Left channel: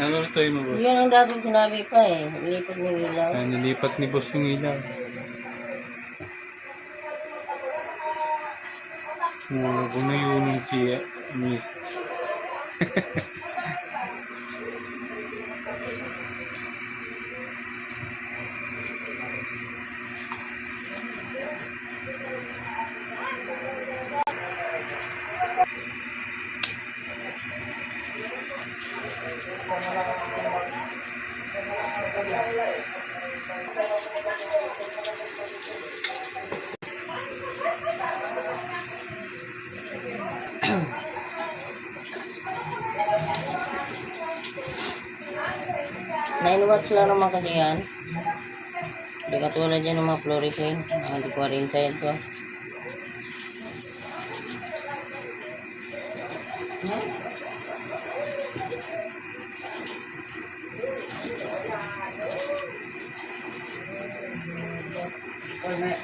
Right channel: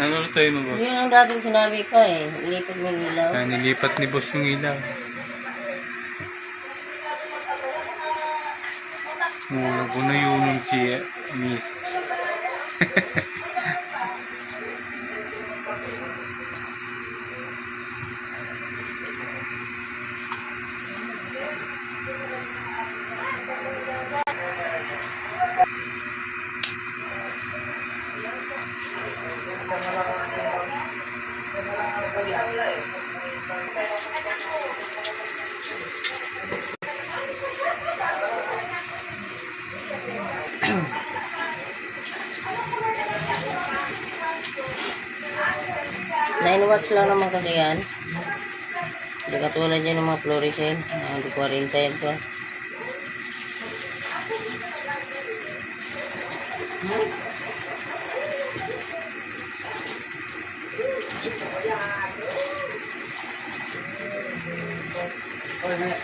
Ano tayo mo, boss? Yun ang dating sinabi pa eh. Ilipat mo yung ilaw. Nilipat ni boss yung ilaw. Mula ko na yun si Miss. Nine watts lang naman kasi yan. Hindi katulad yan ng mga fluorescent. Hindi 40 yan to.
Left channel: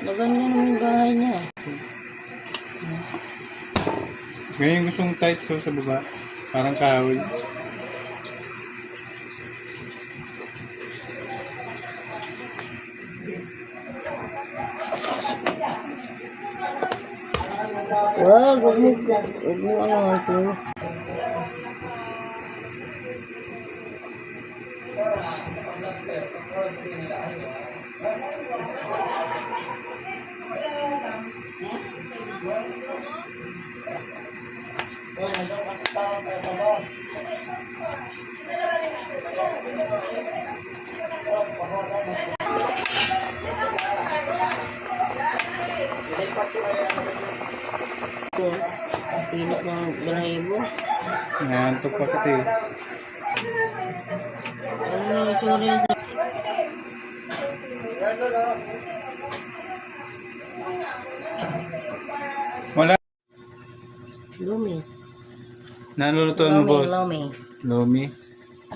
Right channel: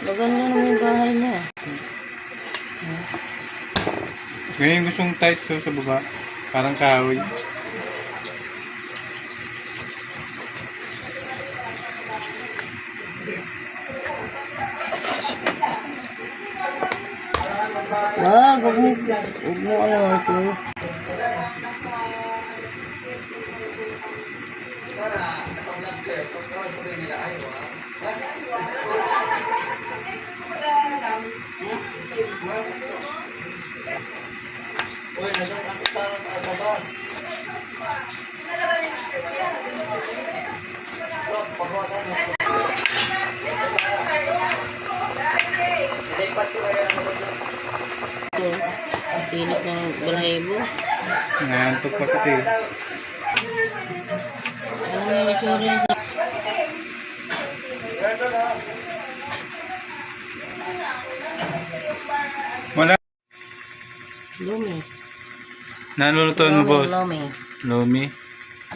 Maganda naman yung bahay niya. Ganyan yung gustong tight so sa baba. Parang kahoy. Huwag mo ano ito. Ito, ang pinis ng balahibo. Nangantok pa kasi. Ano yung sorry sa... Wala. Lumi. Nalulutuan mo, boss? Lumi. Lomi.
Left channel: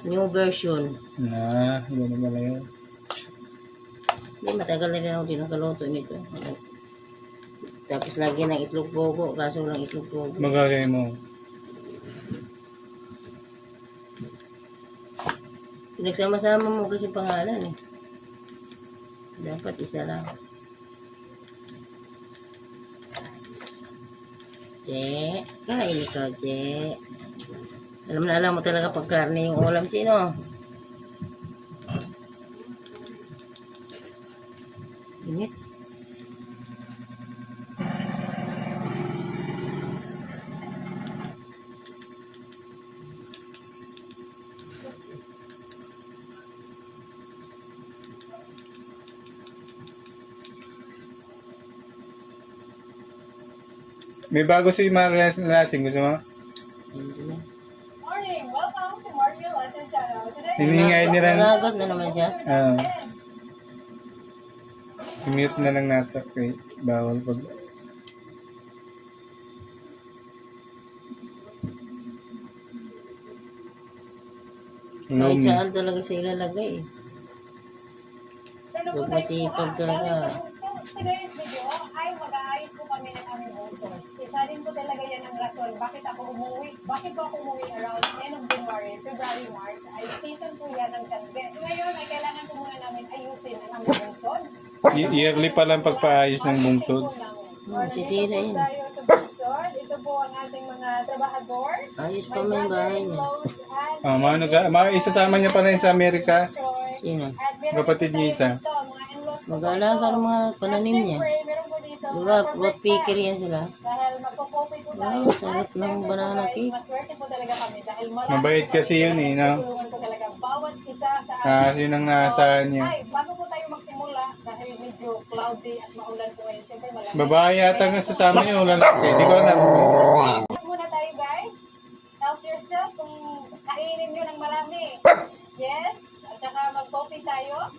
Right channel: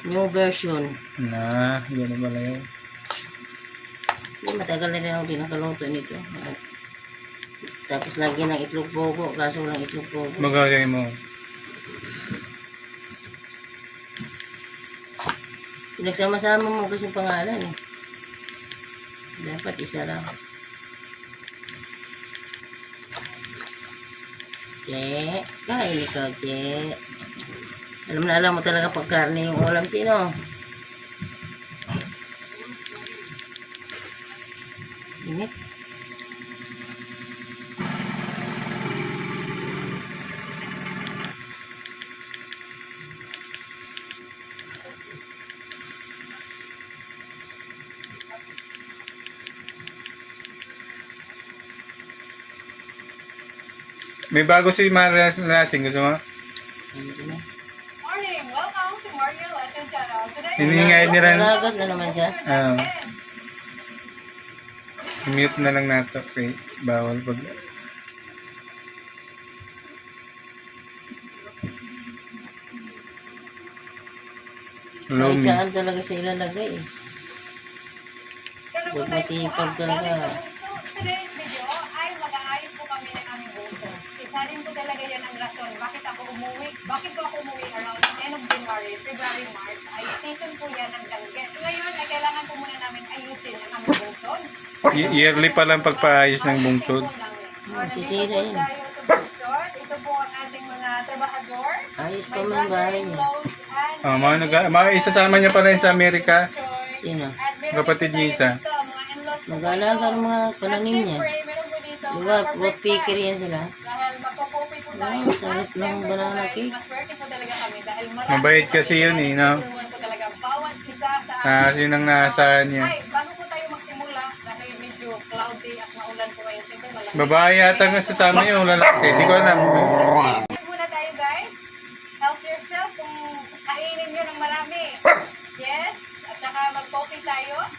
New version. Yan na pala yun. Hindi, matagal na rin ako din nakaluto nito. Tapos lagyan ng itlog bogo, kaso lang itlog bogo. Magagay mo. Pinagsama-sama mo kasi pangalan eh. Dapat isa lang. Che, kain ikaw, Che. Alam na alam mo talaga pag karne yung ulam sino. Init. May bago si Maria Lasing. Gusto mo? Morning! Welcome to Mario Latin Channel. Today, Hiningay ni Ran. Nalagat na naman siya. Mute na lang nato. Okay. Bawal pag... Kahit Lomi. saan talaga siya ilalagay eh. Huwag masipag talaga. today's video ay mag-aayos po kami ng aming buso. Isa rin po talaga yan ang rason bakit ako umuwi around end of January, February, March ay season po yan ng danggit. Ngayon ay kailangan po muna namin ayusin ang aming bungsod. Yearly pa lang pagpaayos ng bungsod. Sisira yan. Ito po ang ating mga trabahador. Ayos pa man bahay niya. Mga isasama niya pa rin sa Amerika. Sino? Kapatid niya isa. Mag-aalaga ng mga pananim niya. Diba, fruit picker yan sila. Dahil magpo-copy po tayo. Ay, sarap ng banana cake. Maswerte po talaga kami dahil marami Mabait kasi yun eh, no? tulungan po talaga bawat isa sa Yun ang naasahan niya. Ay, bago po tayo magsimula dahil medyo cloudy at maulan po ngayon. Siyempre malamig. Babae yata nga sasama niyo, lalaki. Hindi ko alam. Muna tayo guys. Help yourself kung kainin nyo ng marami. Yes. At saka mag-coffee tayo.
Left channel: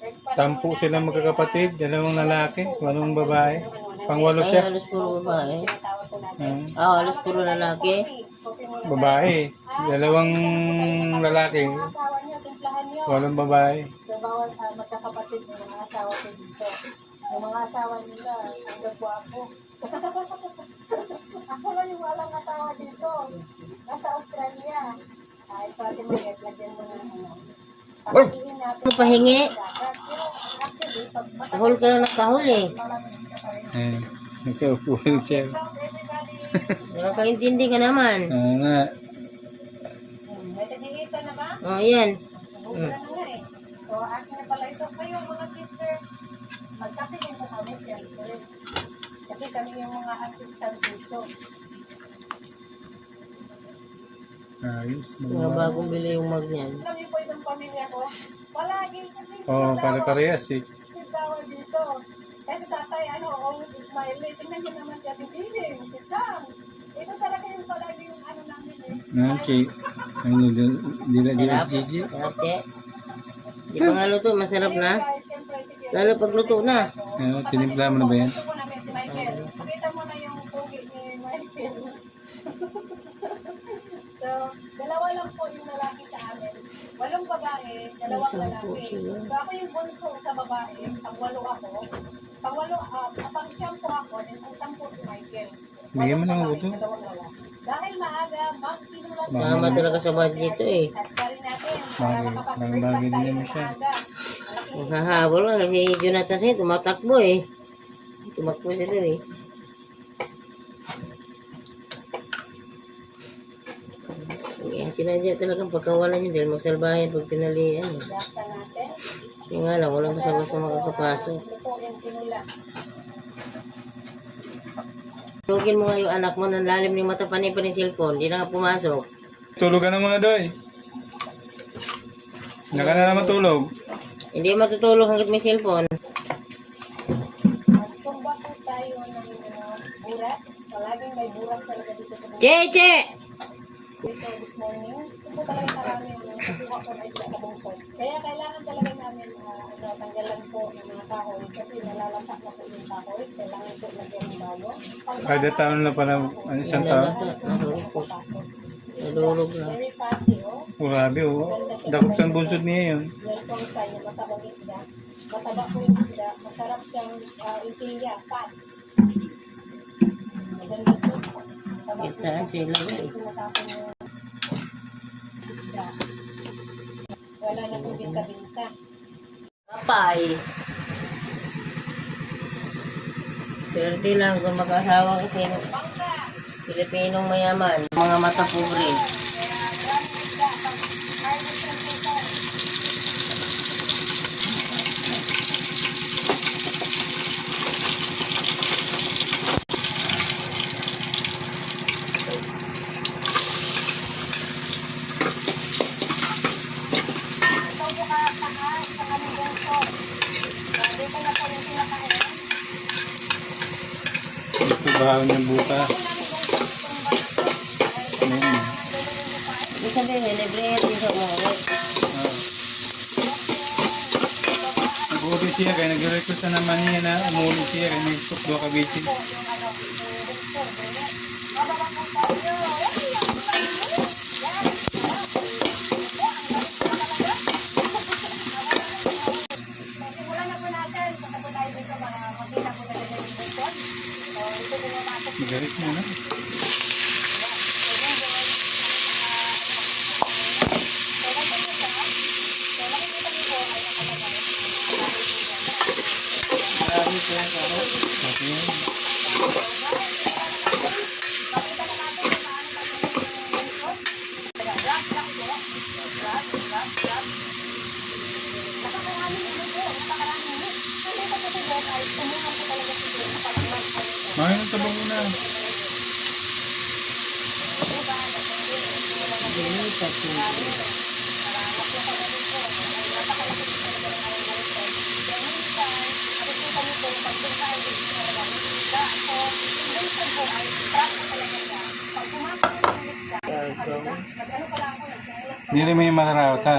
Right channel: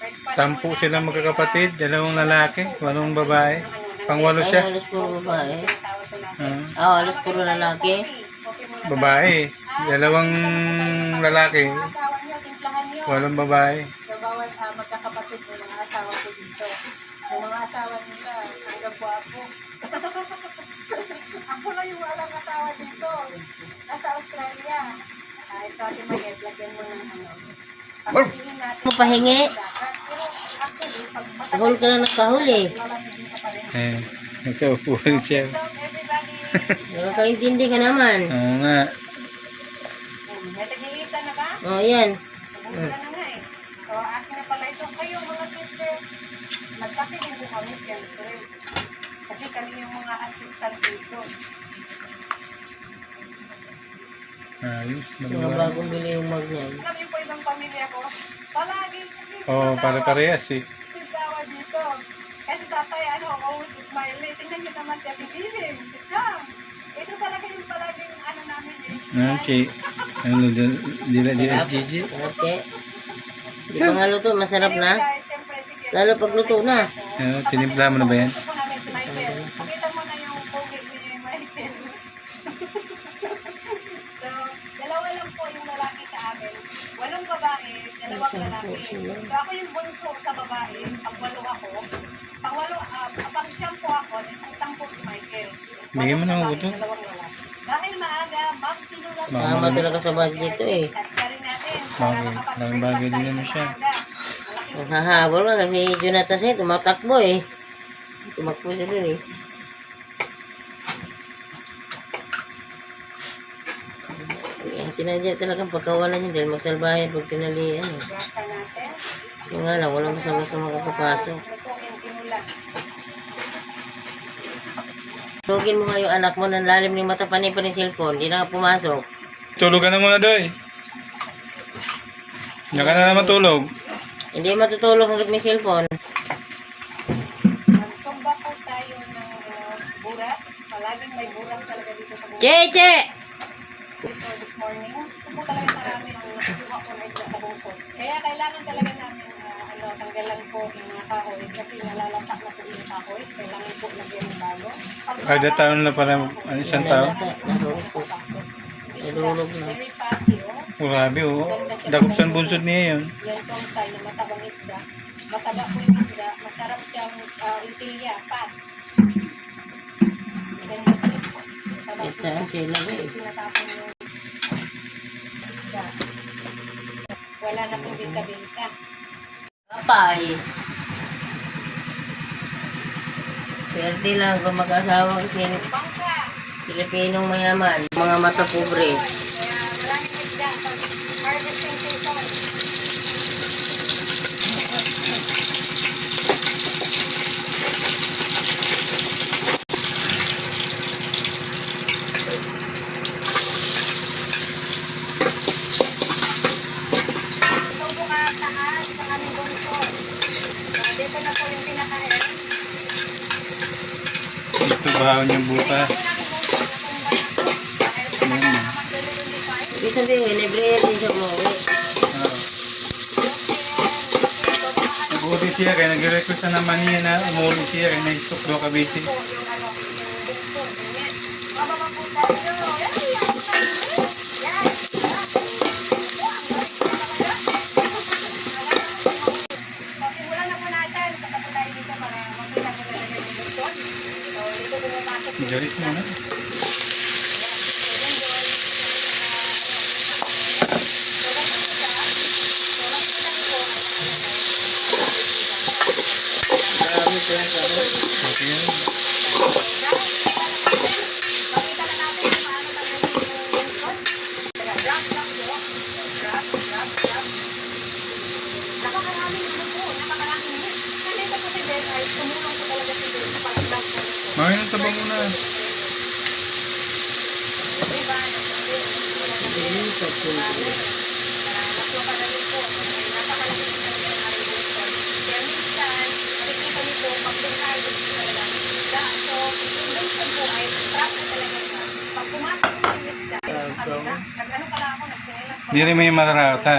Breakfast 10 muna silang kasi, magkakapatid, 2 lalaki, 8 babae. Pang-8 Ay, siya. halos puro babae. tawag ko natin. Halos puro lalaki. Coffee muna. Babae. 2 lalaki, Mga asawa nyo, timplahan nyo. 8 babae. So, bawal magkakapatid ng mga asawa ko dito. Yung mga asawa nila, hanggang po ako. Ako lang yung walang asawa dito. Nasa Australia. Ito Ate Manet, lagyan mo ng ano. Pagkatingin natin. Ano pahingi? Pero actually, pag Kahul ka na ng kahul eh. malamigin ka pa rin. Nagkaupo rin siya. So, everybody, Nakakaintindi ka naman. Oo nga. may tag-iisa na ba? Oh, yan. Subukan na nga eh. So, akin na pala ito. Kayo mga sister, magkape din po kami, siyempre. Kasi kami yung mga assistant dito. Ayos. Mga bagong bili yung mag niyan. Alam niyo po ibang pamilya ko, palagi Oo, pare-parehas eh. tawa dito. Kasi tatay, always smiling. Tingnan niyo naman siya, bibiling. Si Chang. Ito talaga yung palaging namin eh. Okay. Ano dyan? Dila, Gigi? Sarap ke. Di pa nga luto, masarap na. Guys, siyempre, sige. Lalo pag luto na. Tinimpla mo na ba yan? Gusto po namin si Michael. Pakita mo na yung pogi ni Michael. So, dalawa lang po yung lalaki sa amin. 8 babae, 2 lalaki. So, ako yung bunso sa babae. Pang-walo ako. Pang-siyam po ako. Then, utang po si Michael. Bigyan mo ng uto. 2 lalaki. Dahil maaga, magsinulat Tama talaga sa budget to eh. Laking bagay din naman siya. Naghahabol nga kasi Jonathan siya, tumatakbo eh. Tumakbo siya dun eh. Yan, sinadya talagang pagkawalan niya dahil magsalbahin pag pinalian eh. Gasa natin. Yung nga lang, walang basta-basta makakapasok. Lutuin, kinula. Tugin mo nga yung anak mo ng lalim ni mata panay pa ni cellphone, di na nga pumasok. Tulog ka na muna, Doy. Diyan ka na naman tulog. Hindi matutulog hanggat may cellphone. Magsumba po tayo ng buras. Palaging may buras talaga dito sa buras. Cheche! Dito this morning. Ito po talaga marami ang nakuha ko na isla sa bungkot. Kaya kailangan talaga namin tanggalan po yung mga kahoy kasi nalalatak na po yung kahoy. Kailangan po lagyan ng bago. Kada taon na pala, isang taon. Nahulog po. Nahulog na. Very fatty, oh. Grabe, oh. Dakop sa bunsod niya yun. Yan po ang sign na matabang isda. Mataba po yung isda. Masarap siyang impilya, fats. Ganito po. Mataba Eh, po saan siya. sila ba eh? Tinatapon yung isda. Wala na pong binta-binta. Papay. Swerte lang kung mag-asawa kasi Bangka! Pilipinong mayaman. Mga mata pobre. Kaya maraming isda pag harvesting season. Ito po kataas sa aming bungkot. Dito na po yung pinaka-end. Ito bahaw niya buta. Bisa din yun, libre din siya umuwi. Nag-uwi siya, kaya nag-request na naman niya na umuwi siya, kaya na-stock daw kabisi. Galit mo na. Okay yan. Mahal sa bango na. Hindi rin may makarawat ha.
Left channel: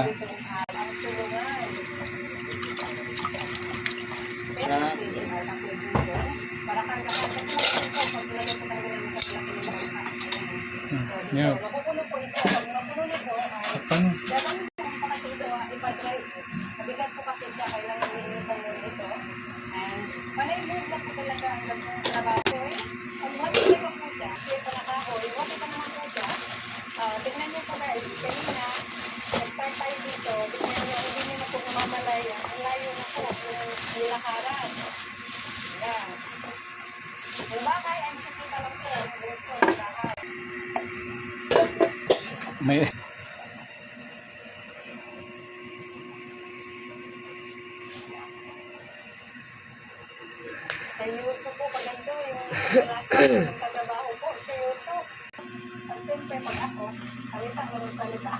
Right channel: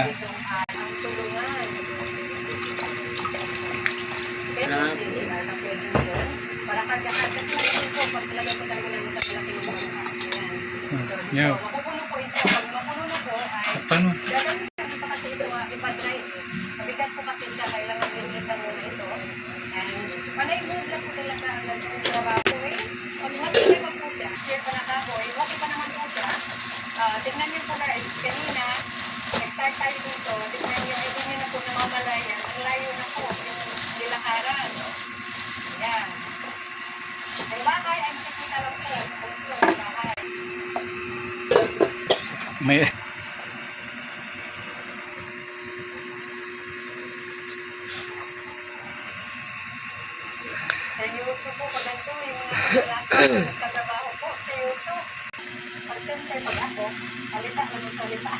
Yo. Mapupuno po ito. Pag mapuno po ay Paano? dadalhin natin pa kasi ito ipa-dry. Mabigat po kasi siya. Kailangan linisan muna ito. And panay mood lang po talaga ang trabaho eh. Pag matindi pa po siya, share pa na kahoy, okay pa naman po siya. Tignan niyo po guys, kanina tayo dito, depende, hindi nyo na po namamalayan. Ang layo na po yung nilakaran. Yan. Ang bahay, ay makikita lang po. Dito, ang bahay. May... Seryoso po pag ganito, yung mga nagtatrabaho po. Seryoso. Pag siyempre, pag ako, salita na ng salita.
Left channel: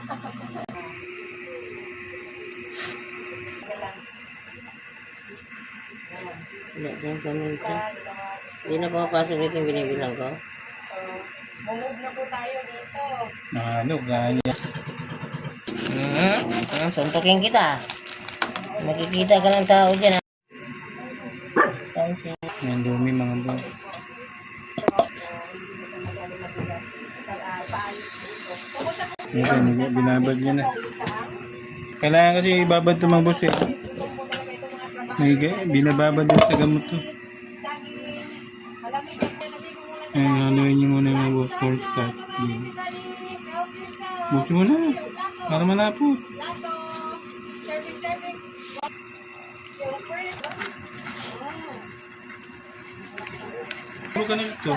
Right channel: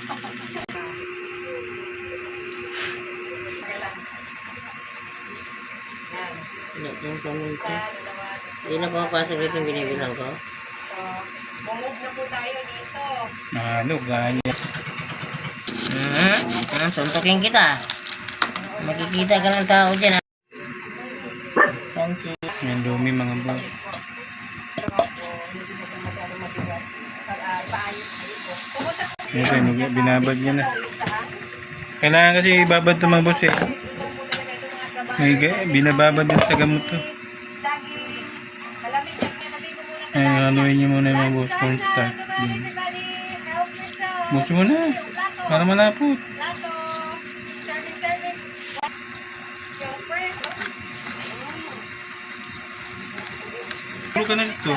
Okay lang. Yan. Wala kang paminta. Isa, dalawa. Hindi na pumapasok rito yung binibilang ko. So, mumove na po tayo dito. Ano, ganyan. Suntukin kita. Makikita ka ng tao dyan. Fancy. Yan, dumi mga boss. Siyempre, binabad niya na. Kailangan kasi ibabad ito mga boss eh. May binababad din sa gamot to. Ayun, haluin niyo muna yung mga boss. Corn start. Boss mo na. Para malapot. Puro ka na dito.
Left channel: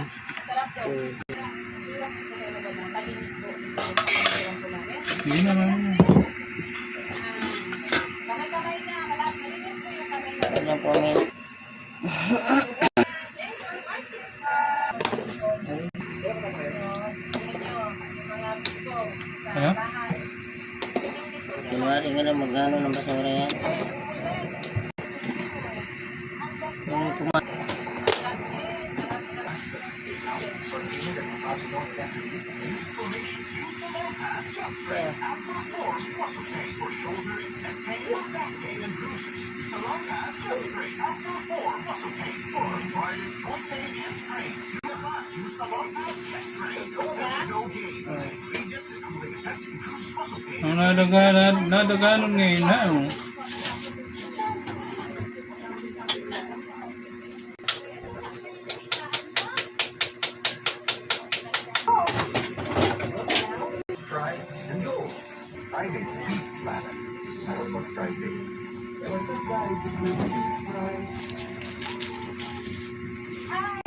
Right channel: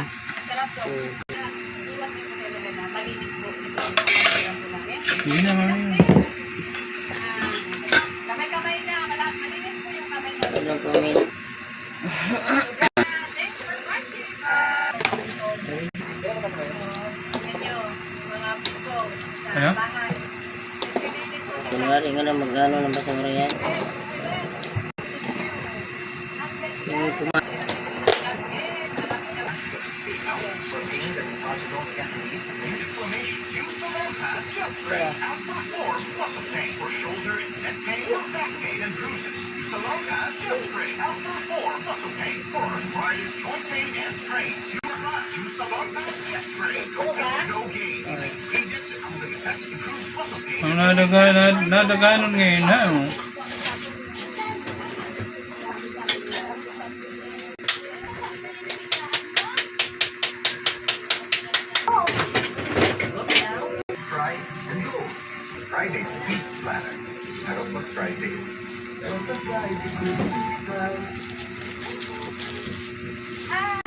Hindi na mami. Kamay-kamay na, malinis po yung kamay na. Ano comment? Ano? Kunwari nga na mag-ano ng basura yan. Yung Ang nadaganon ngayon ha. Oh. Friday Feast Platter. Sarap mag Friday.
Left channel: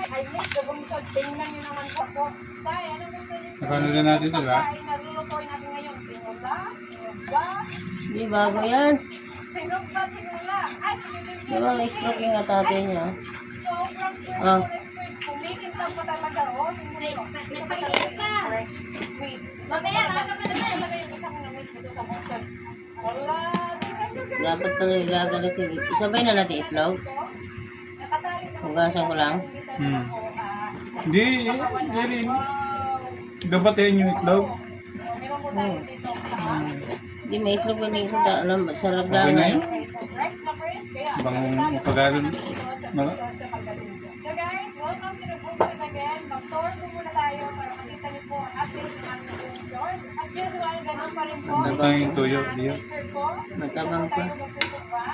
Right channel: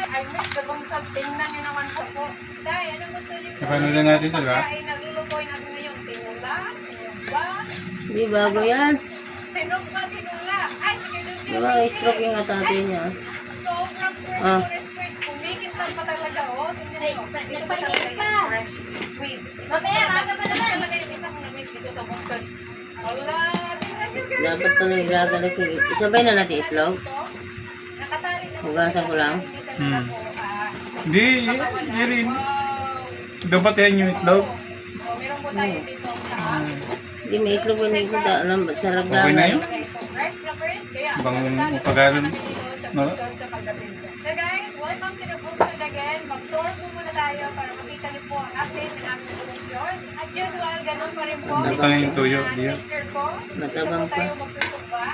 I miss the bungsod. Tingnan nyo naman po. Tay, anong gusto nyo? Napanood na natin ito ha. Ay, naglulukoy natin ngayon. Tinula, sinugba, Di bago yan. sinugba, tinula. Ay, sige, sige. Diba, stroke yung atate niya. Sobrang Ah. fresh squid. Kumikintab pa talaga, oh. Tingnan mo. Ito pa talaga yung fresh squid. Mamaya, maga pa naman. Talaga yung isa kong na-miss dito sa bungsod. Wala, tingnan nyo, guys. Dapat pa nang ilagan ito. Isabay na natin itlog. Nakatali na. Hugasan ko lang. Hindi rin. Dapat yan yung itlog. Oh, meron po tayo dito sa Hindi, may itlog yun yung sarap na. Okay na yun? fresh na fresh. Kaya, Bang upagalan. sa pagdating. So guys, welcome to the Bungsod again. Mag-tour po muna tayo para makita niyo po ang update ng aming bungsod. As usual, ganun pa rin po. Ito na yung tuyo, diyan. Dito Matabang po tayo pa. magsusugba.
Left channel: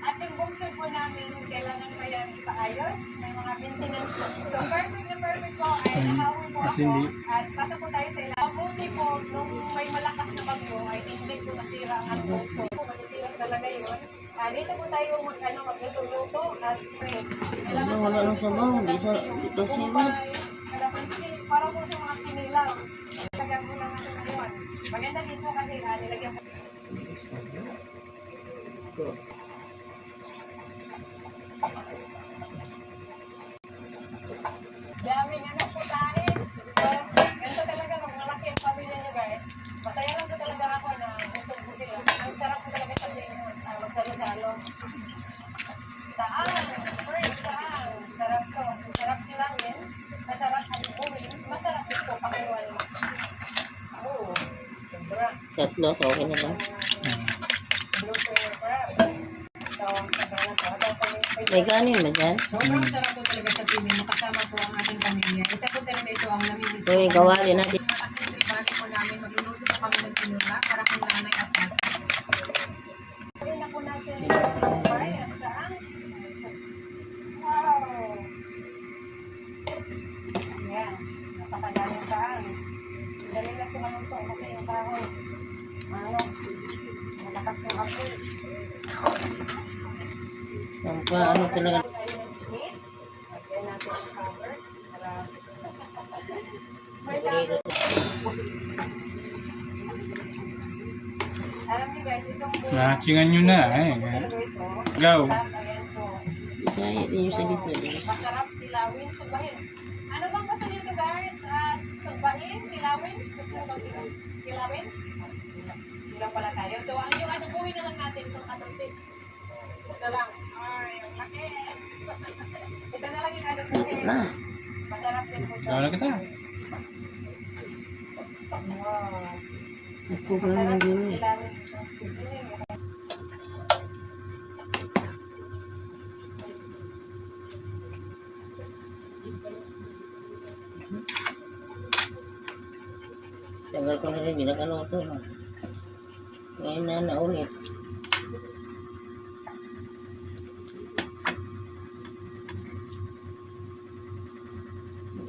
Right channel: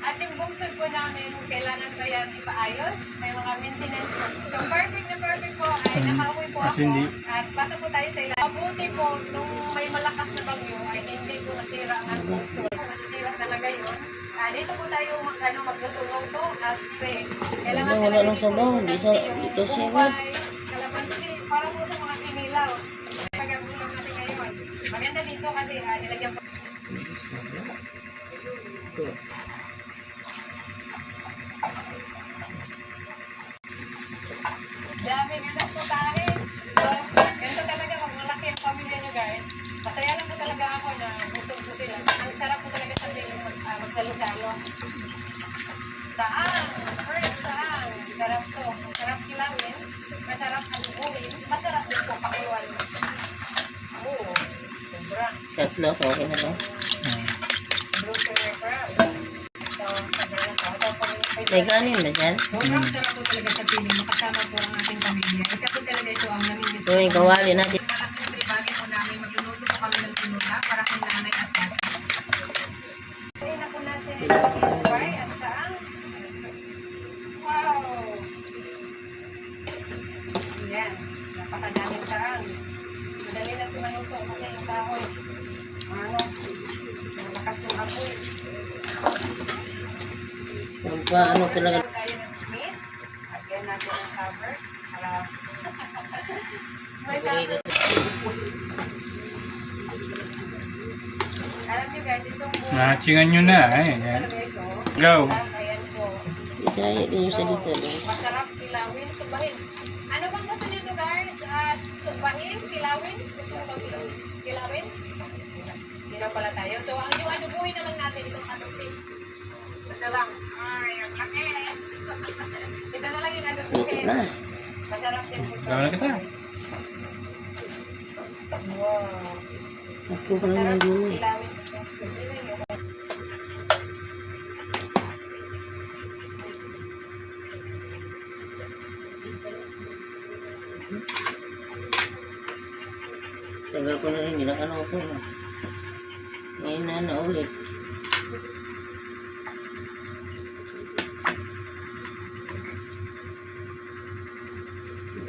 At yung bungsod po namin, kung kailangan ba yan ipaayos, may mga maintenance. So perfect na perfect po ay nakapoy po As ako. hindi. At pasok po tayo sa ilalim. Mabuti po, nung may malakas na bagyo, ay hindi po nasira ang aming bungsod. Masisira talaga yun. Dito po tayo magluto-luto at kailangan Wala lang sabaw, hindi ito siwat. kalamansi, para po sa mga kinilaw. Pagkagulang natin ngayon. Maganda dito kasi nilagyan po. Daming anak po tayo. Ganito talaga pag malaki ang pamilya nyo guys. Masaya lang po talaga ako na busog po sila. Ang sarap po talaga sa magsalo-salo. Saan? First, saan? Sarap to. Masarap kilawin. Masarap alubuhin. Masarap din po pakiwan. Oo. Sobra. Tatlo, okay na lang. Blue sugar crab. So, sabi na po. Ito po yung May kanin ba dyan? sobrang sarap po talaga sa piling. Makasama po ang ating pamilya. Isa po talaga ito ang namimiss. So, yung kawali natin. Malaking tribali po namin. Magluluto po kami ng tinula para kung nanay at tatay. Ay, na po natin yung fry at saan. Wow! Yan. Napakadaming saan. Madali lang sumaluto kasi yung kahoy. Ano? Lakas ng apoy. Ano talaga. Tayo ng split. Lagyan natin ang cover. Para... May Okay, cover. Alam niyo guys, itong buwan. Nakachingan nyo na. Talaga ito. Go. Ayan po. Bisaya din yung salita. Masarap tilawin, subahin. Ano bang gusto nito guys? Subahin, tilawin? Gusto mo bang tilawin? Tilawin? Tilaw pala tayo. So, yung anubuhin na lang natin itong anubuhin. Ito lang. Ay, ang laki. Ito na lang yung anubuhin. Masarap din po ito. Gawin na kita. Wow. Ako pa naman Masarap din eh. tilawin. Yes, tilawin. Tagal ko na rin, hindi nakaloto. Ngayon na naulit.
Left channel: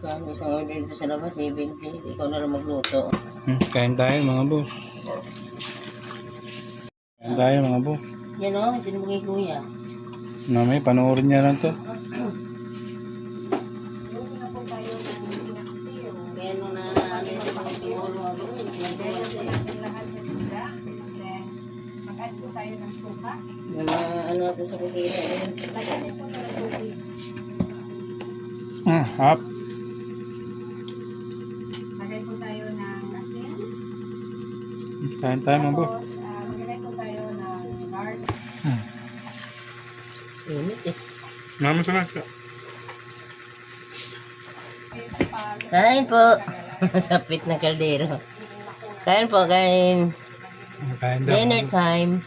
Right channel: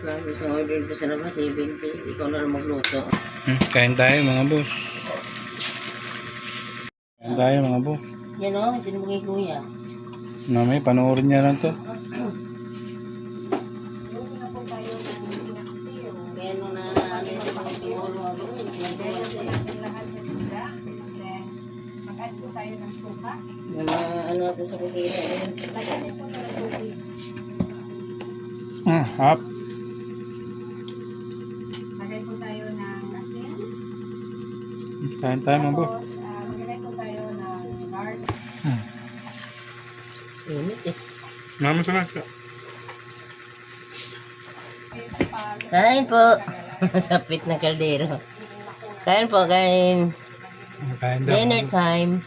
Kaya sa order ko sa labas, 70. Ikaw na lang magluto. Kain tayo mga boss. Kain tayo mga boss. Yan o, sino mo kay kuya? Mamaya panoorin niya lang to. Luto na po tayo ng pinaksiyo. Kaya nung na ano yung mga siguro ako, Lagyan po natin lahat ng gula. Then, mag-add po tayo ng suka. mga ano ako sa kusina. Lagyan din po tayo ng tubig. Hap. Lagyan po tayo ng asin. Kain tayo mga boss. Tapos, maglagay po tayo ng garlic. Init eh. Mama sarap siya. Kain po. Sapit na kaldero. Kain po, kain. Kain daw. Dinner time.